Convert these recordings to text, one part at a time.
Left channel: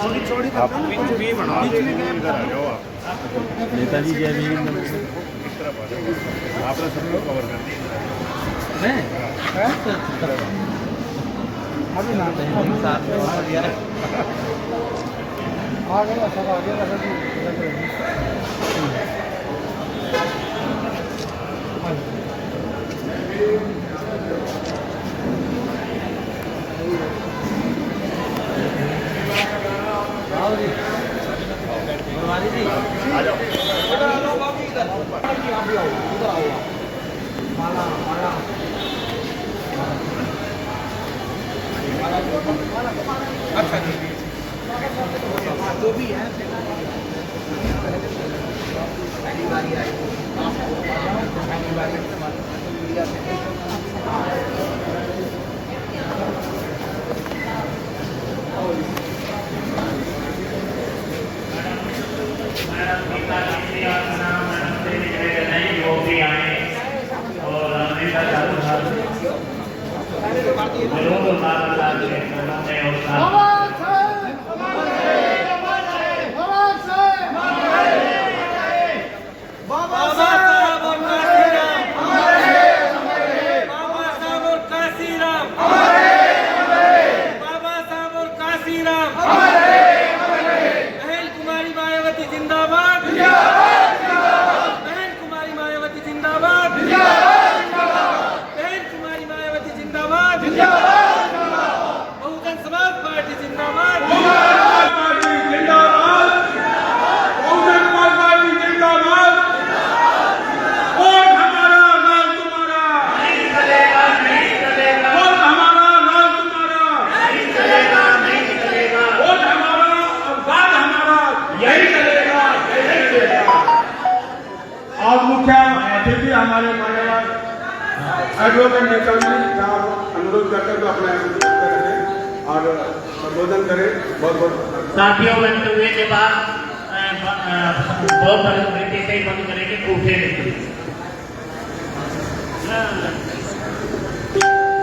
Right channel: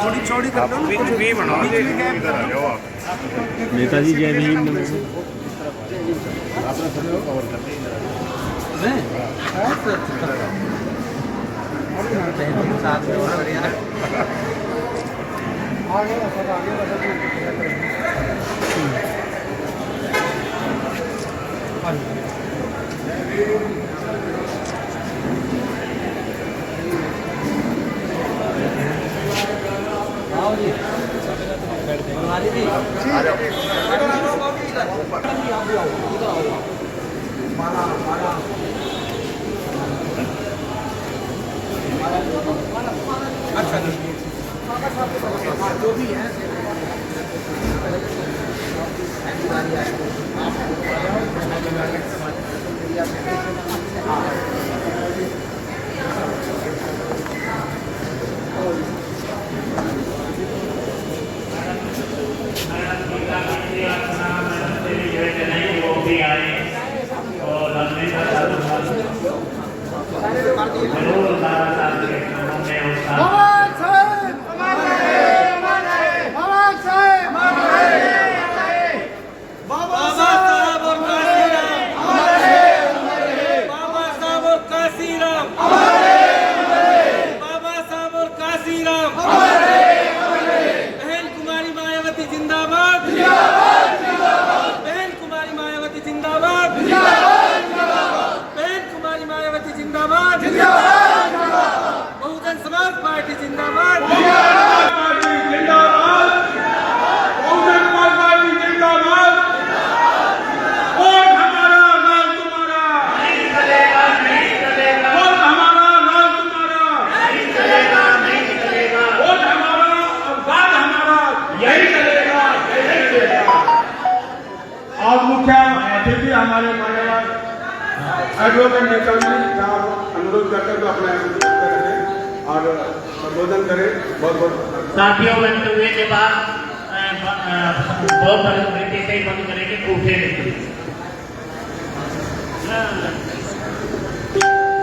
थोड़ी चौड़ी कर लो ना, नेताजी जय भीम। जो भी है बहुजन समाज पार्टी जिंदाबाद, बहुजन समाज पार्टी जिंदाबाद। वोट हमारा लाल तुम्हारा नहीं चलेगा, नहीं चलेगा। वोट हमारा लाल तुम्हारा नहीं चलेगा, नहीं चलेगा। वोट हमारा और बाद हमारा यही चलेगा, यही चलेगा। आज मुख्य अतिथि हमारे मान्यवर एडवोकेट नेताजी साहब अनुरोध करते हुए अपना और संबोधन करें। बहुत बहुत साथियों, वक्तव्य के बाद बहुत बड़ी से बंद करेंगे उठे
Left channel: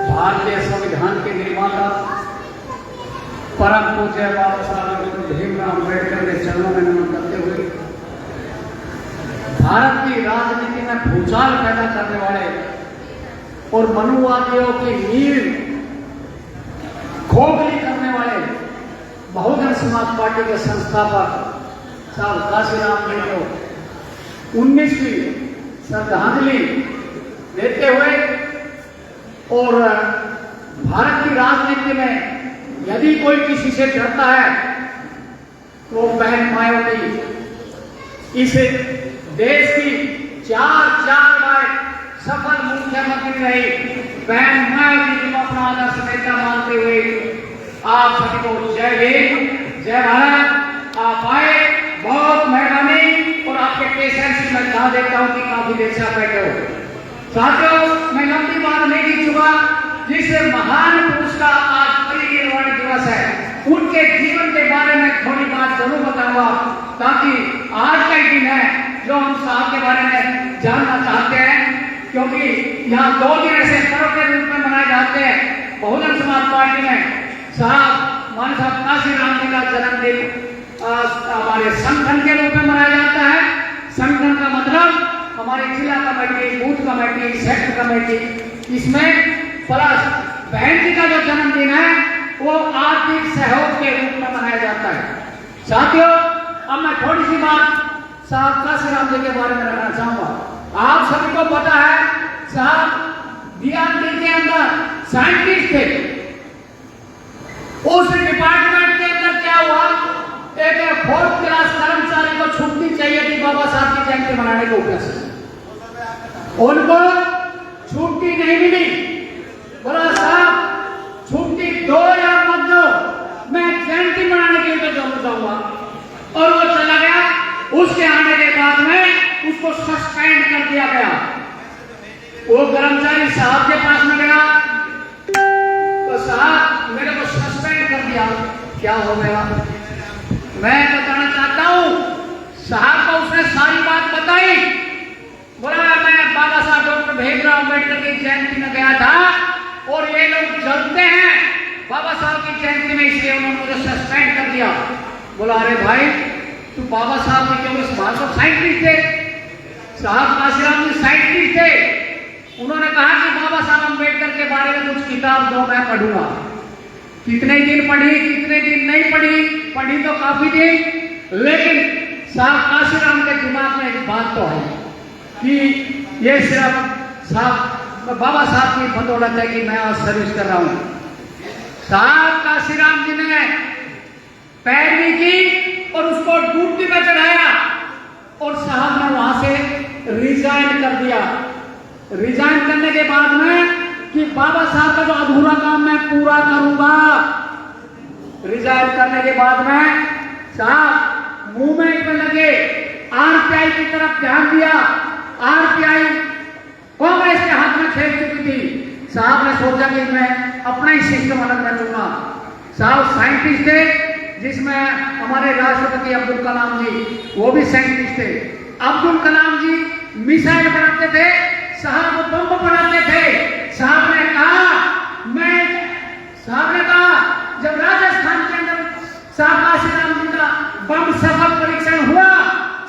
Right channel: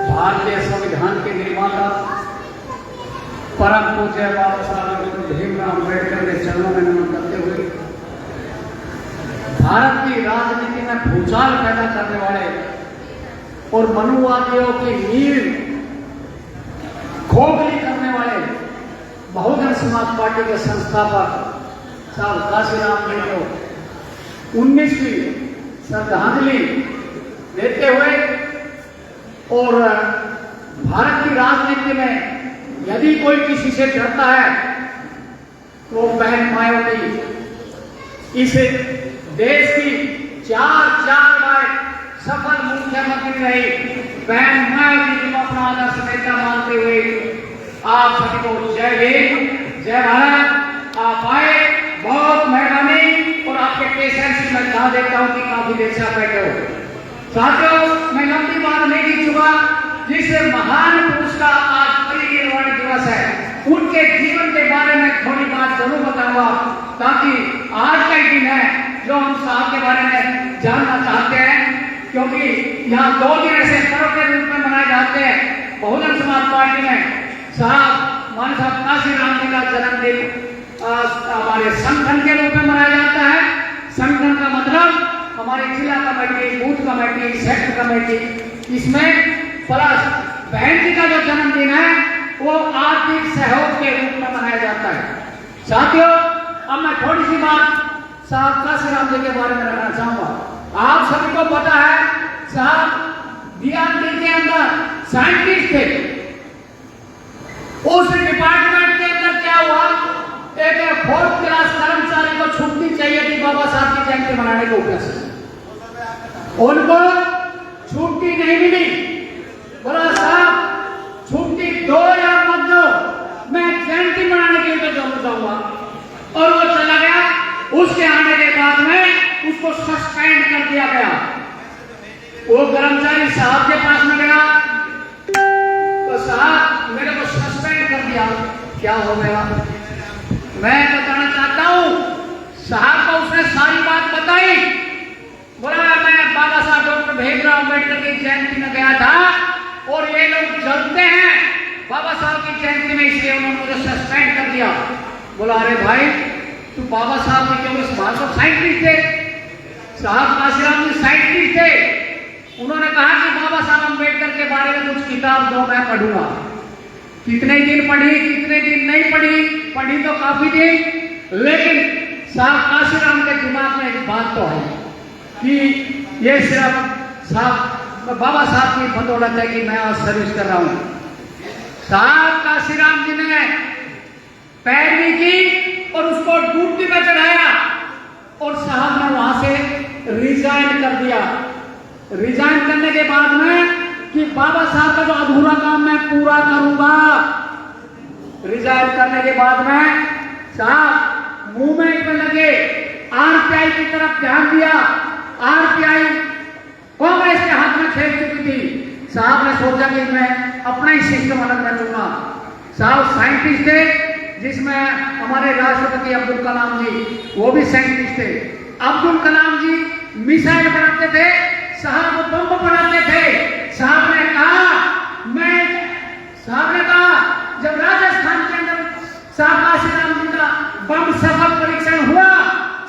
भारतीय संविधान के निर्माता परम पूज्य बाबा साहब भीमराव अम्बेडकर के चरणों में नमन करते हुए भारत की राजनीति में भूचाल पैदा करने वाले और मनुवादियों की नींव खोखली करने वाले बहुजन समाज पार्टी के संस्थापक साहब काशीराम जी को 19वीं श्रद्धांजलि देते हुए और भारत की राजनीति में यदि कोई किसी से डरता है तो बहन मायावती इस देश की चार बार सफल मुख्यमंत्री रही बहन मायावती जी को अपना आदर्श नेता मानते हुए आप सभी को जय भीम, जय भारत। आप आए, बहुत मेहरबानी। और आपके पेशेंस में कहा देता हूँ कि काफी देर से आप बैठे हो। साथियों, मैं लंबी बात नहीं की चुका। जिस महान पुरुष का आज परिनिर्वाण दिवस है, उनके जीवन के बारे में थोड़ी बात जरूर बताऊंगा, ताकि आज का दिन है जो हम साहब के बारे में जानना चाहते हैं। क्योंकि यहाँ 2 दिन ऐसे पर्व के रूप में मनाए जाते हैं बहुजन समाज पार्टी में। साहब मान साहब काशीराम जी का जन्मदिन हमारे संगठन के रूप में मनाया जाता है। संगठन का मतलब हमारी जिला committee, booth committee, sector committee, इसमें प्लस बहन जी का जो जन्मदिन है वो आर्थिक सहयोग के रूप में मनाया जाता है। साथियों, अब मैं थोड़ी सी बात साहब काशीराम जी के बारे में रखना चाहूंगा। आप सभी को पता है साहब डीआरडी के अंदर साइंटिस्ट थे। उस डिपार्टमेंट के अंदर क्या हुआ, एक 4th क्लास कर्मचारी को छुट्टी चाहिए थी बाबा साहब की जयंती मनाने के ऊपर से। उनको छुट्टी नहीं मिली। बोला साहब छुट्टी दो या मत दो, मैं जयंती मनाने के लिए जरूर जाऊंगा। और वो चला गया। उसके आने के बाद में उसको सस्पेंड कर दिया गया। वो कर्मचारी साहब के पास में गया तो साहब मेरे को सस्पेंड कर दिया, क्या हो गया? मैं बताना चाहता हूँ। साहब को उसने सारी बात बताई। बोला मैं बाबा साहब डॉक्टर भीमराव अम्बेडकर की जयंती में गया था और ये लोग जलते हैं बाबा साहब की जयंती में, इसलिए उन्होंने मुझे सस्पेंड कर दिया। बोला अरे भाई तू बाबा साहब के क्यों, इस बात को साइंटिस्ट थे, साहब काशीराम जी साइंटिस्ट थे। उन्होंने कहा कि बाबा साहब अम्बेडकर के बारे में कुछ किताब दो, मैं पढ़ूंगा। कितने दिन पढ़ी, कितने दिन नहीं पढ़ी, पढ़ी तो काफी दिन, लेकिन साहब काशीराम के दिमाग में एक बात तो है कि ये सिर्फ साहब बाबा साहब की बदौलत है कि मैं आज सर्विस कर रहा हूं। साहब काशीराम जी ने पैरवी की और उसको ड्यूटी पे चढ़ाया और साहब ने वहां से रिजाइन कर दिया। रिजाइन करने के बाद में कि बाबा साहब का जो अधूरा काम मैं पूरा करूंगा। रिजाइन करने के बाद में साहब मूवमेंट में लगे, आरपीआई की तरफ ध्यान दिया। आरपीआई कांग्रेस के हाथ में खेल चुकी थी। साहब ने सोचा कि मैं अपना ही सिस्टम अलग कर लूंगा। साहब साइंटिस्ट थे, जिसमें हमारे राष्ट्रपति अब्दुल कलाम जी वो भी साइंटिस्ट थे। अब्दुल कलाम जी मिसाइल बनाते थे, साहब बम बनाते थे। साहब ने कहा जब राजस्थान के अंदर साहब काशीराम जी का बम सफल परीक्षण हुआ,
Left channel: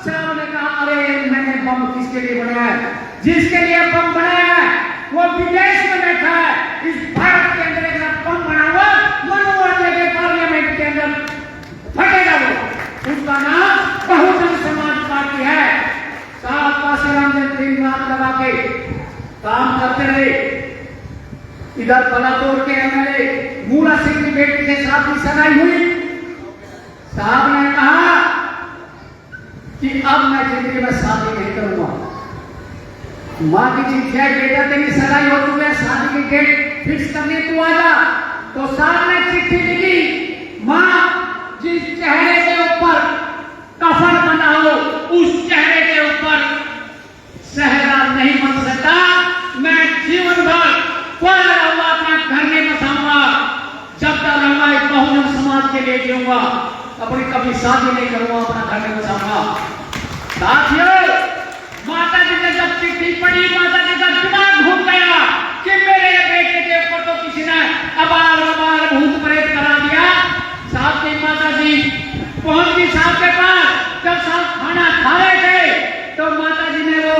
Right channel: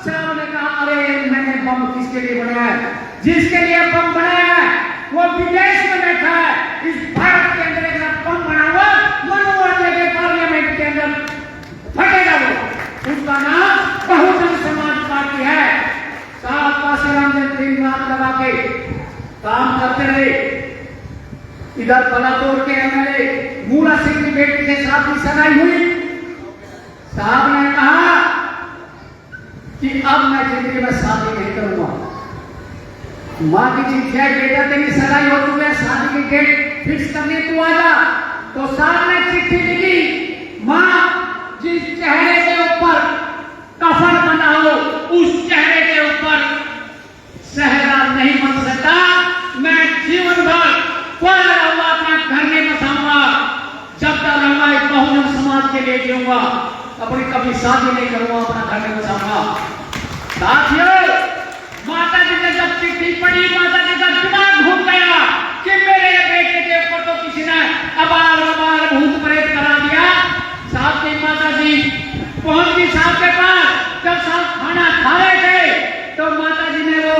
साहब ने कहा अरे मैंने बम किसके लिए बनाया है, जिसके लिए बम बनाया है वो विदेश में बैठा है। इस भारत के अंदर एक बम बना हुआ मनोवादी के पार्लियामेंट के अंदर फटेगा, वो उसका नाम बहुजन समाज पार्टी है। साहब काशीराम जी दिन रात लगा के काम करते रहे। इधर बलाचौर के एमएलए मूला सिंह की बेटी के साथ भी सगाई हुई। साहब ने कहा कि अब मैं जिंदगी में शादी नहीं करूंगा। मां की चिट्ठी है, बेटा तेरी सगाई हो चुकी है, शादी की डेट फिक्स करनी, तू आ जा। तो साहब ने चिट्ठी लिखी, मां जिस चेहरे के ऊपर कफन बना हो उस चेहरे के ऊपर सहरा नहीं बन सकता। मैं जीवन भर कोई रहूंगा अपना घर में बसाऊंगा, जब तक रहूंगा एक बहुजन समाज के लिए जीऊंगा, अपनी कभी शादी नहीं करूंगा, अपना घर में बसाऊंगा। साथियों, माता जी ने जब चिट्ठी पढ़ी, माता जी का दिमाग घूम गया कि मेरे बेटे के ऊपर तो किसी ने अबाल अबाल भूत प्रेत करा दिया। साहब की माता जी पहुंच गई साहब के पास। जब साहब खाना खा रहे थे तो माता जी ने वो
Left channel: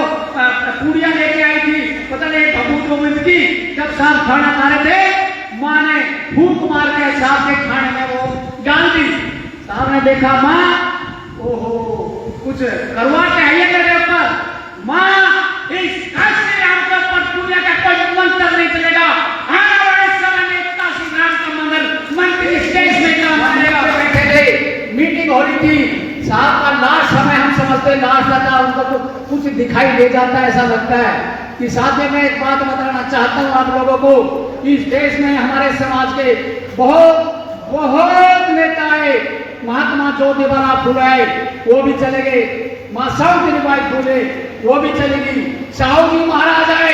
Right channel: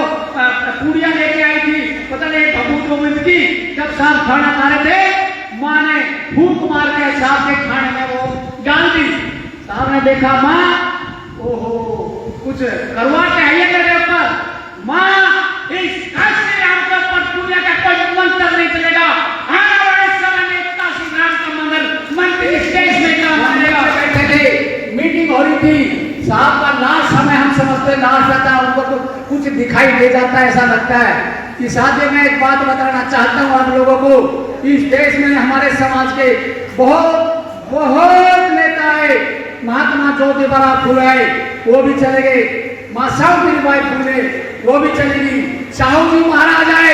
पूड़ियां लेके आई थी, पता नहीं भभूत गोविंद की। जब साहब खाना खा रहे थे, माँ ने फूंक मार के साहब के खाने में वो डाल दी। साहब ने देखा माँ, ओहो कुछ करवा के आई है मेरे ऊपर। माँ इस काशीराम के ऊपर पूजा का कोई मंत्र नहीं चलेगा। आने वाले समय में काशीराम का मंदिर स्टेज में काम करेगा। मीटिंग हो रही थी, साहब का लास्ट समय हम समझते लास्ट रहता, उनको तो कुछ दिखाई दे जाता है, ऐसा लगता है कि साथ में एक बात बताना चाहता हूँ आप लोगों को। इस देश में हमारे समाज के बहुत नेता है। महात्मा ज्योतिबा फुले वो भी चले गए, मां सावित्रीबाई फुले वो भी चलेगी, साहू जी महाराज आए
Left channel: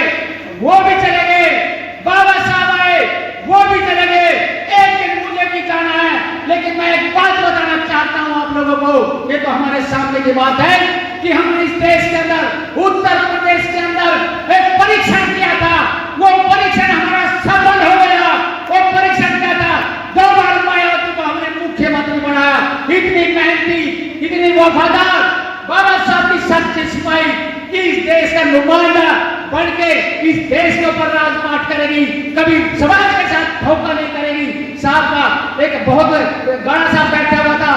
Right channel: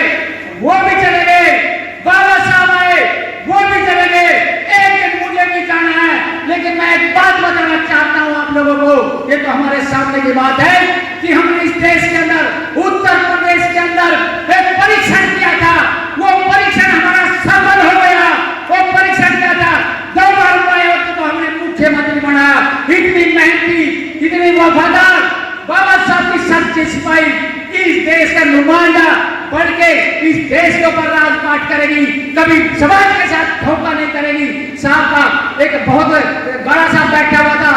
वो भी चले गए, बाबा साहब आए वो भी चले गए। एक दिन मुझे भी जाना है, लेकिन मैं एक बात बताना चाहता हूँ आप लोगों को। ये तो हमारे सामने की बात है कि हमने इस देश के अंदर, उत्तर प्रदेश के अंदर एक परीक्षण किया था। वो परीक्षण हमारा सफल हो गया। वो परीक्षण क्या था? 2 बार तो हमने मुख्यमंत्री बनाया। इतनी मेहनती, इतनी वफादार बाबा साहब की सच्ची सिपाही इस देश का नुमाइंदा बढ़ के इस देश के ऊपर राजपाट करेगी, कभी समाज के साथ धोखा नहीं करेगी। साहब का एक बहुत बड़ा सा बैठा हुआ था,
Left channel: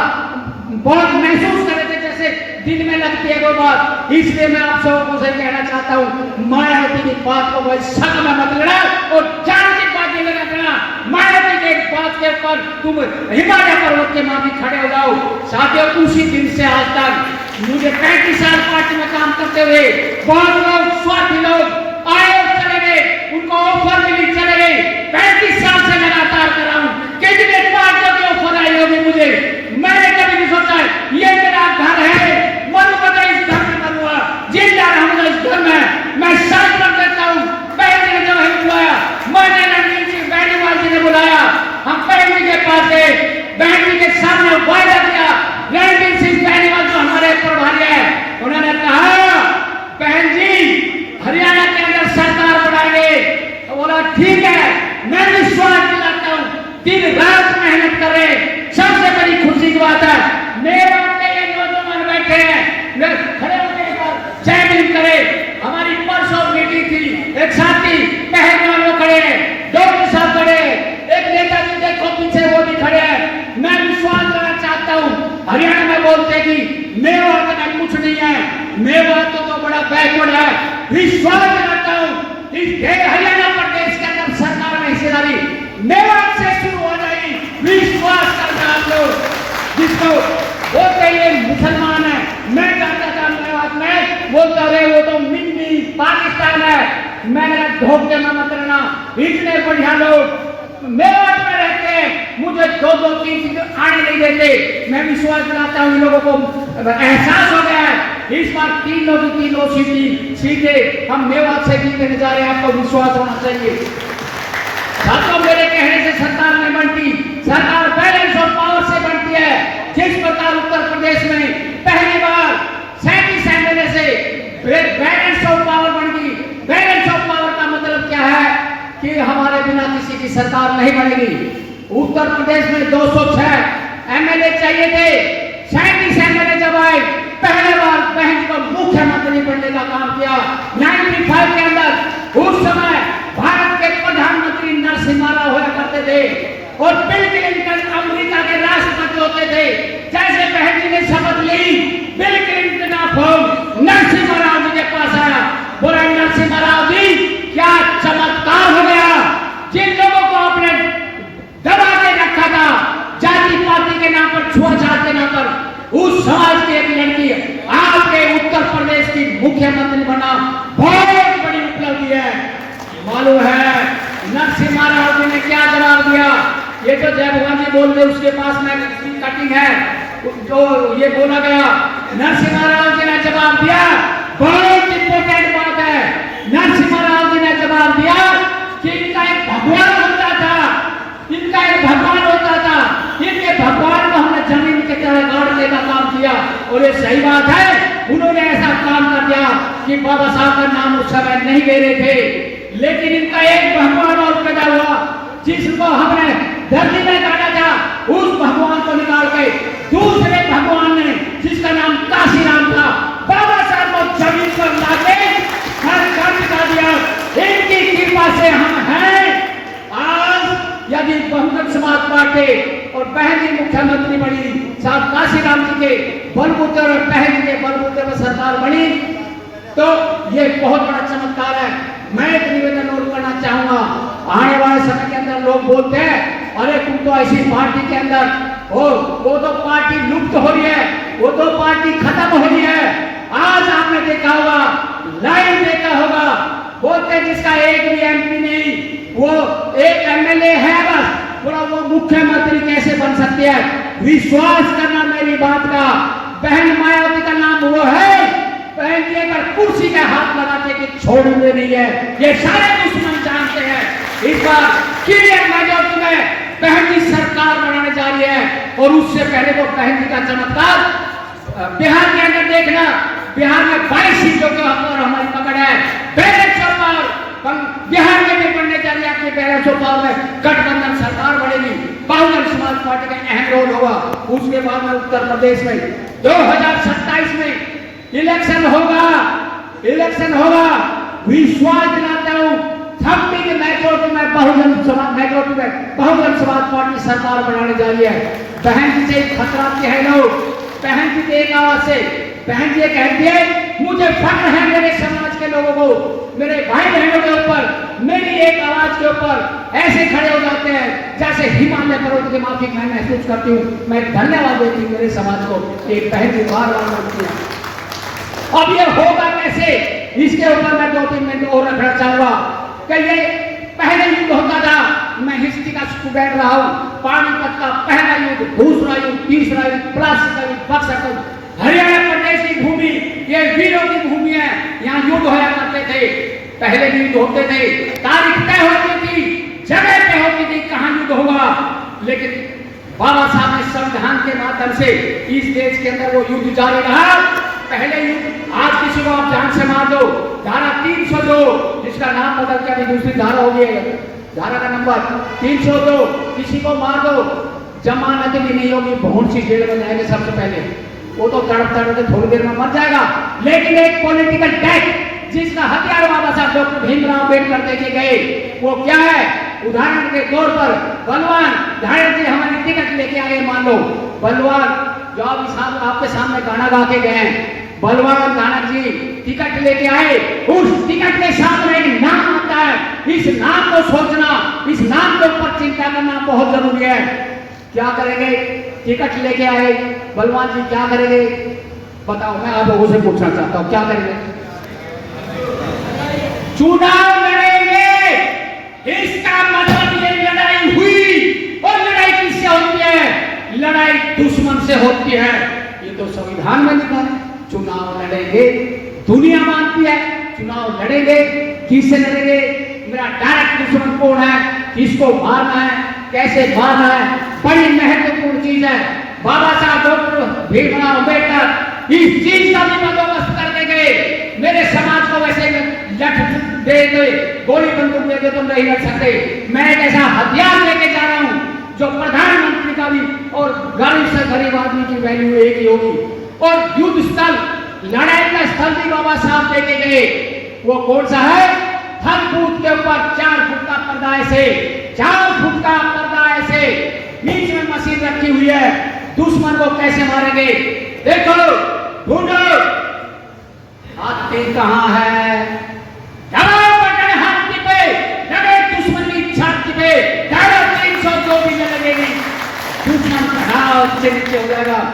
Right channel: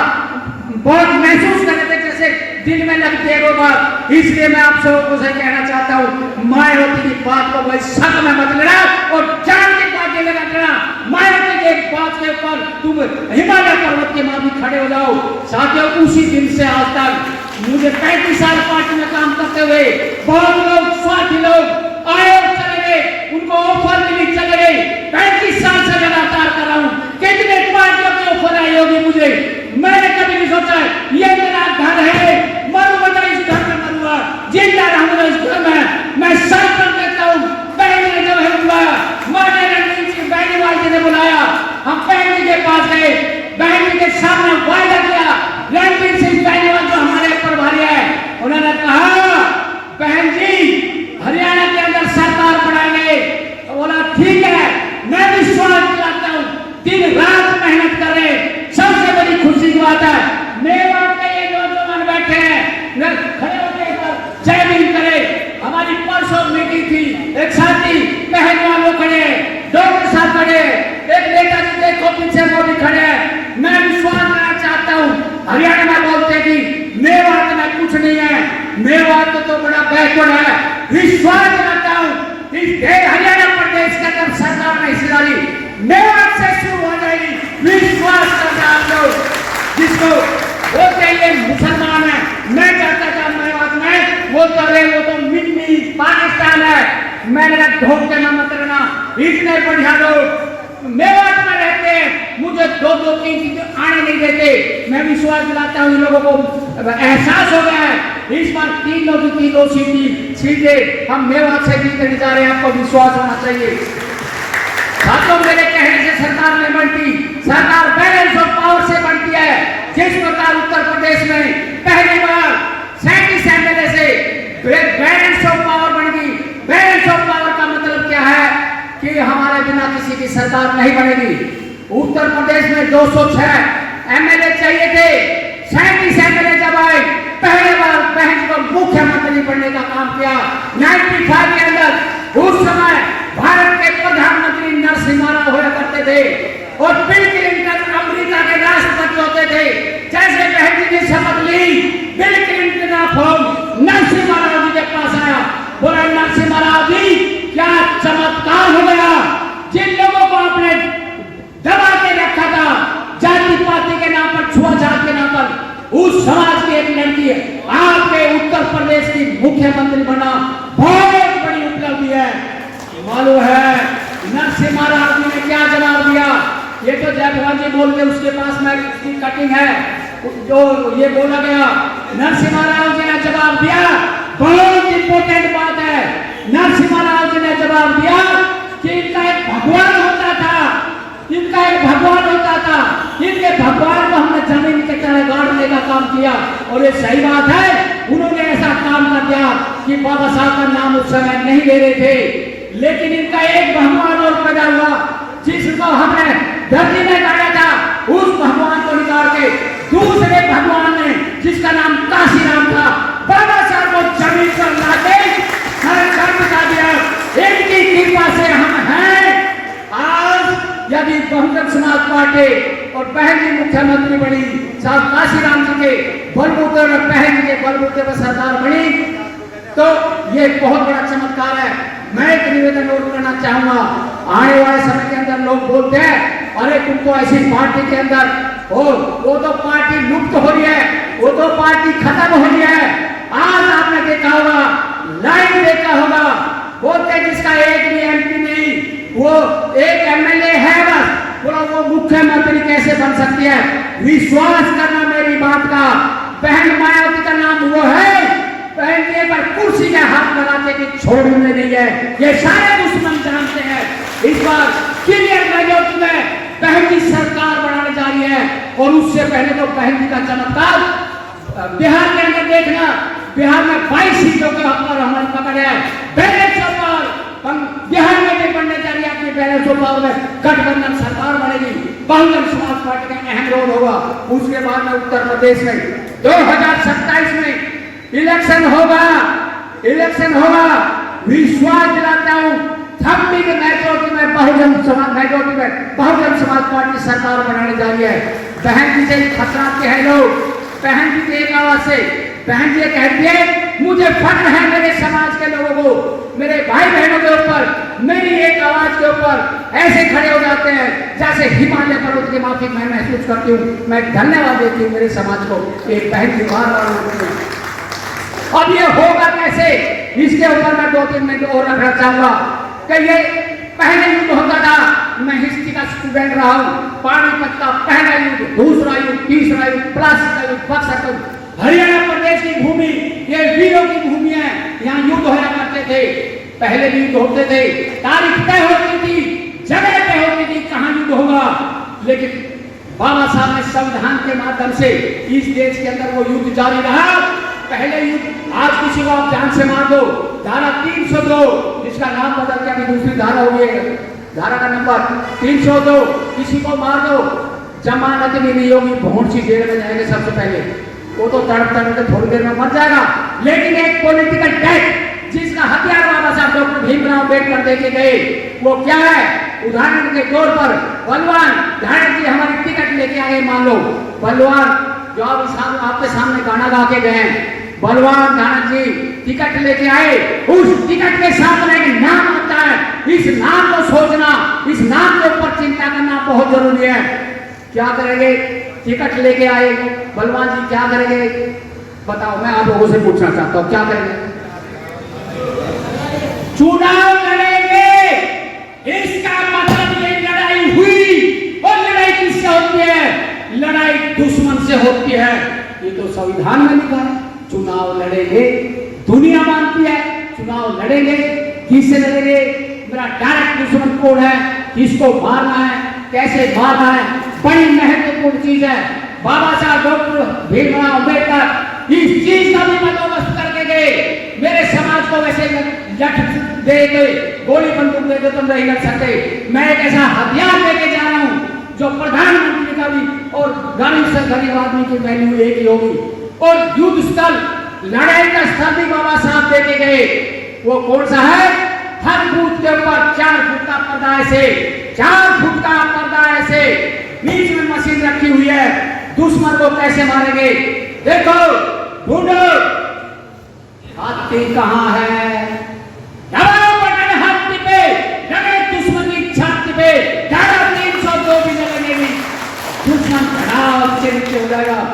बहुत महसूस कर रहे थे जैसे दिल में लगती है वो बात। इसलिए मैं आप सबको से कहना चाहता हूँ, मायावती की बात को कोई शक में मत लेना और जान की बात ये लगा करना। मायावती के एक बात के ऊपर तुम हिमालय पर्वत के माफी खड़े हो जाओ। साथियों, उसी दिन से आज तक मुझे 35 साल पार्टी में काम करते हुए बहुत लोग, स्वार्थी लोग आए और चले गए, उनको ऑफर मिली चले गए। 35 साल से लगातार कर रहा हूँ, कितने पार्टियों की ऑफर आई होगी मुझे। मैंने कभी नहीं सोचा ये मेरा घर है, मरूंगा तो इस घर में मरूंगा, जिंदा रहूंगा इस घर में। मैं संकल्प करता हूँ। बहन ने जो है बुलाया, मैंने रणनीति बेनीवाल जी ने बुलाया, हम बहन के पास गए, बहन के सामने वायदा किया। रणजीत सिंह बेनीवाल जो हमारे प्रभारी है, उन्होंने कहा बहन जी हरियाणा के अंदर सरकार बढ़ाएंगे। तो बोला ठीक है, विश्वास दिलाता हूं कि हरियाणा प्रदेश के अंदर सरकार में हिस्सेदारी मेवात से शुरू हो जाएगी। विश्वास करना आप लोग, जिसको बोलते हैं मुसलमान है, मैं कहता था मेवात में वो करे वो तो मिनी पाकिस्तान है। मैंने धोखे में मत रहना, इतने बढ़िया लोग मेवात में रहते हैं, मुझे दो दो तीन चीजें आने नहीं देते। मैं विश्वास दिलाता हूँ इन लोगों को एहसास हो गया है इस बार 3 सीटें हम मेवात से जीतने जा रहे हैं। आपको विश्वास होना चाहिए। साथियों, मेरे कहने से सरकार नहीं बनती, सरकार बैलेंस ऑफ पावर से बनती है। जिस प्रकार उत्तर प्रदेश में पहली बार 37 एमएलए से बैलेंस ऑफ पावर बन गई। बैलेंस ऑफ पावर का मतलब क्या है कि हमारे बिना किसी की सरकार नहीं बनेगी। उत्तर प्रदेश में 206 एमएलए चाहिए थे, 37 एमएलए जब आए, पहली बार बहन को मुख्यमंत्री बनने का काम किया 95 के अंदर। उस समय भारत के प्रधानमंत्री नरसिम्हा राव हुआ करते थे और बिल क्लिंटन अमेरिका के राष्ट्रपति होते थे। जैसे बहन जी ने शपथ ली, बिल क्लिंटन का फोन नरसिम्हा राव जी के पास आया, बोले नरसिम्हा राव जी क्या चमत्कार हो गया। जिन लोगों को आपने दबा के रखा था जाति पाति के नाम पर, छुआछात के नाम पर, उस समाज की एक लड़की आपके उत्तर प्रदेश की मुख्यमंत्री बना, बहुत बड़ी उपलब्धि है। मालूम है नरसिम्हा राव जी ने क्या जवाब दिया? ये तो जय भगवान जी बोल रहे, उसके पास में उसकी कटिंग है जो ये बोला गया। नरसिम्हा राव जी ने जवाब दिया, बहुत इंपोर्टेंट बात है। नरसिम्हा राव जी ने जवाब दिया कि इनका एक भगवान होता था, इनका एक भगवान होता था, इनके भगवान को हमने जमीन के तरह गाड़ने का काम किया। और ये सही बात है, उन्होंने ऐसा काम कर दिया कि बाबा साहब का नाम उस समय नहीं ले रहे थे, लेकिन इनका एक भगवान और पैदा हुआ जिसको हमने धरती में गाड़ा था। उस भगवान को निकाल के दूसरे भगवान ने, जिसका नाम काशीराम था, बाबा साहब को जमीन पर लाके हर काम बता दिया। इनकी कृपा से हम हैं। आज यदि बहुजन समाज पार्टी और बहन जी मुख्यमंत्री बनी, साहब काशीराम जी के बलबूते और बहन जी के बलबूते पर सरकार बनी, तो ये बहुत बड़ा चमत्कार है। मैं एक निवेदन और करना चाहूंगा, आने वाले समय के अंदर लोग बोलते हैं अरे तुम तो ऐसी पार्टी के अंदर हो, वो तो पार्टी लुप्त हो रही है, वो तो पार्टी खत्म हो रही है। आज आपने देखा होगा, लाइन देखा होगा, बोलते जिसका एक भी एमपी नहीं, वो एक एमएलए है बस, बोलो वो मुख्यमंत्री कैसे बन सकती है? विश्वास करना मेरी बात का, बहन मायावती का नाम वो है, बहन के पर कुर्सी के हाथ लगाते कि छोड़ने नहीं है, ये सारे दुश्मन जानते हैं। इस बार क्लियर मेजॉरिटी में बहन जी सरकार बनाने जा रही है। और उससे पहले तो बहन जी का चमत्कार बिहार के अंदर देखना, बिहार में 22 सीटों के ऊपर हमारी पकड़ है। बैलेंस ऑफ पावर बिहार में भी बनने जा रही है। आपके बैलेंस ऑफ पावर में गठबंधन सरकार बनेगी, बहुजन समाज पार्टी का अहम रोल होगा। उसके बाद में उत्तर प्रदेश में 2027 में इलेक्शन होगा, इलेक्शन होगा। विश्वास दिलाता हूं थम्बी के मेजॉरिटी में बहुजन समाज पार्टी सरकार बनाने जा रही है। बहन जी से खतरा के है लोग, बहन जी के एक आवाज से, बहन जी कहती है मुझे फख्र है मेरे समाज के लोगों को, मेरे भाई बहनों के ऊपर, मेरी एक आवाज के ऊपर ऐसे खड़े हो जाते हैं जैसे हिमालय पर्वत के माफिक मैं महसूस करती हूँ। मैं धन्यवाद देती हूँ मेरे समाज को, एक बहन जी बार अब ये होगा कैसे, इसके ऊपर मैं 2-3 मिनट और रखना चाहूंगा। कि ये पहले युद्ध होता था, मैं हिस्ट्री का स्टूडेंट रहा हूं, पानीपत का पहला युद्ध, दूसरा युद्ध, तीसरा युद्ध, प्लासी का युद्ध, बक्सर का युद्ध। हरियाणा प्रदेश की भूमि ये वीरों की भूमि है, यहाँ युद्ध होया करते थे, पहले भी युद्ध होते थे, तारीख तय होती थी, जगह तय होती थी कहाँ युद्ध होगा। लेकिन बाबा साहब ने संविधान के माध्यम से इस देश के अंदर वो युद्ध जारी रहा। पहले युद्ध, आज किसी को आप जान से मार दो, धारा 302 जिसका नाम बदल के अभी दूसरी धारा हो गई है, धारा का नंबर 302, किसी को मार दो जमानत भी नहीं होगी, भोंड सी जेल में जाएगा सबसे पहले, वो तो तड़प तड़प के थोड़ी देर में मर जाएगा। लेकिन एक पॉलिटिकल टैक्स जिसका हथियार बाबा साहब डॉक्टर भीमराव अम्बेडकर देके गए, वो क्या है? उदाहरण के तौर पर बलवान धारण जी हमारी टिकट लेके आए, मान लो बलवान जो आपके सामने गाना गा के गए, बलवान नानक जी टिकट लेके आए, उस टिकट के साथ में एक नाम होता है। इस नाम को सोचना, इस नाम के ऊपर चिंता करना बहुत जरूरी है। क्या करेंगे? टिकट लेके आए बलवान जी, क्या करेंगे बताओ? मैं आप लोगों से पूछना चाहता हूं, क्या करेंगे? चुनाव लड़ेंगे, इसका मतलब ये लड़ाई हुई। और लड़ाई किससे होती है? लड़ाई दुश्मन से होती है। ये तो संविधान में लिखा है, चुनाव लड़ेंगे। दुनिया मानती है चुनाव लड़ेंगे। किससे लड़ेंगे? मेरा डायरेक्ट दुश्मन कौन है, किसको मारना है, कैसे मारना है, बड़ी महत्वपूर्ण चीज है। बाबा साहब डॉक्टर भीमराव अम्बेडकर इस चीज का भी बंदोबस्त करके गए। मेरे समाज को वैसे लठ दे दे, गोली बंदूक दे दे तो नहीं लड़ सकते। मैं एक ऐसा हथियार लेके जा रहा हूं जो प्रधानमंत्री का भी और गरीब से गरीब आदमी की वैल्यू एक ही होगी। और युद्ध स्थल, लड़ाई का स्थल भी बाबा साहब देके गए। वो कौन सा है? हर बूथ के ऊपर 4 फुट का पर्दा, ऐसे 4 फुट का पर्दा, ऐसे बीच में मशीन रखी हुई है। दुश्मन को कैसे मारेंगे? देखो ढूंढो, हाथी कहां है? दबाओ बटन हाथी पे, लगे दुश्मन की छाती पे। 302 भी लगेगी, दुश्मन खड़ा उससे नीचे हो जाएगा।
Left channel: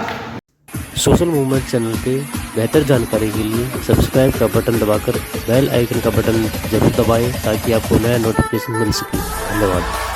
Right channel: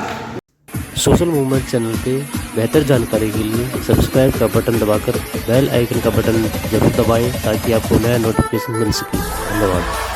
सोशल मूवमेंट चैनल पे बेहतर जानकारी के लिए सब्सक्राइब का बटन दबाकर बेल आइकन का बटन जरूर दबाएं ताकि आपको नया नोटिफिकेशन मिल सके। धन्यवाद।